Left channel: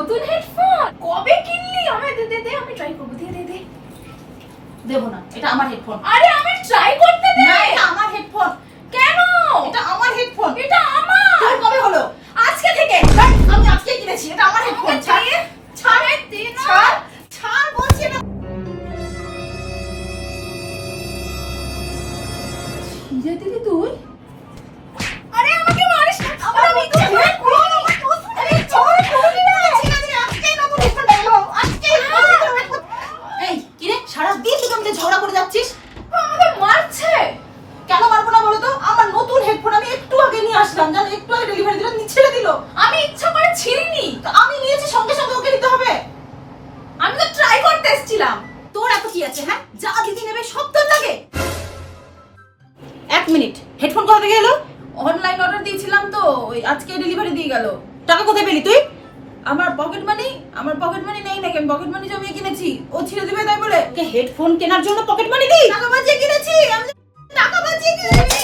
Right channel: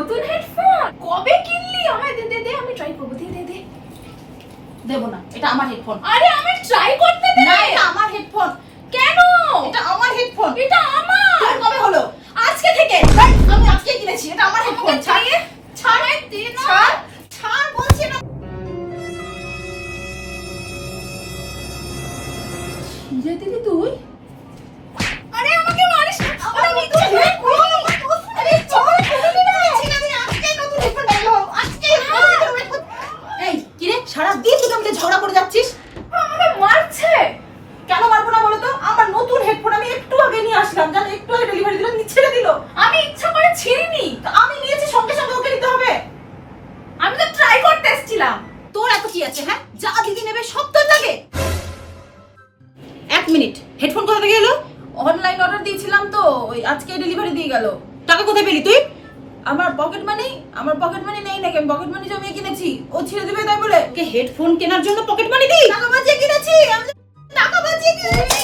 নতুন হেডফোন কবে কিনলি? আমায় দে দে দে, আমি ট্রাই করব। দে দে দে। দেব না, এটা আমার হেডফোন। আরে আমি ট্রাই করতে দে। না, এটা আমার হেডফোন। কেন? এটা আমার হেডফোন। এটা আমার। তোর কবে হলো? আজকে থেকে। আমি আজকে কিনেছি, এটা আমার হেডফোন। ছাড়, ছাড় দে না। ছাড়, ছাড় বলছি না। হিরা দিদি তুই? আরে আমাকে মারিস না। আরে আমি তো আরে চল, করবি না। আজকেই নতুন হেডফোন দেখলো। আজকেই নতুন হেডফোন। এই, কি রে? সারাদিন তুই আমাদের ঝগড়া করে যাচ্ছিস। আমাকে মারছে। কেন মারবো না বলো তো? আমার নতুন হেডফোন আমি একটু আগে নিয়ে আসলাম, জানো, একটু আগে ডেলিভারি দিলাম, ছেড়ে দিল। আমি ইচ্ছা করে ছিঁড়িনি। তো আমি নিয়েছি, সঙ্গে সঙ্গে ওকে নিতে হবে। আমি তো ট্রাই করতে এসেছিলাম। তোর এত কি আছে? হ্যাঁ, যা দিদি নেবে সব তোর লাগে। এক মিনিট, হেডফোন কোথা থেকে এলো? অনলাইন অর্ডার দিয়েছিলাম তো, ওই আজকে ডেলিভারি দিয়ে গেল। টাকা কোথায় পেলি তুই? আমার পকেট মানি নেই নাকি? আমি পকেট মানি জমিয়ে কিনেছি। ও ছিঁড়ে দিবে তাই বলে। হেডফোন কেনার জন্য পকেট মানি দিই? টাকা বাঁচিয়ে কিনেছি। আমি টাকা বাঁচিয়ে কিনেছি।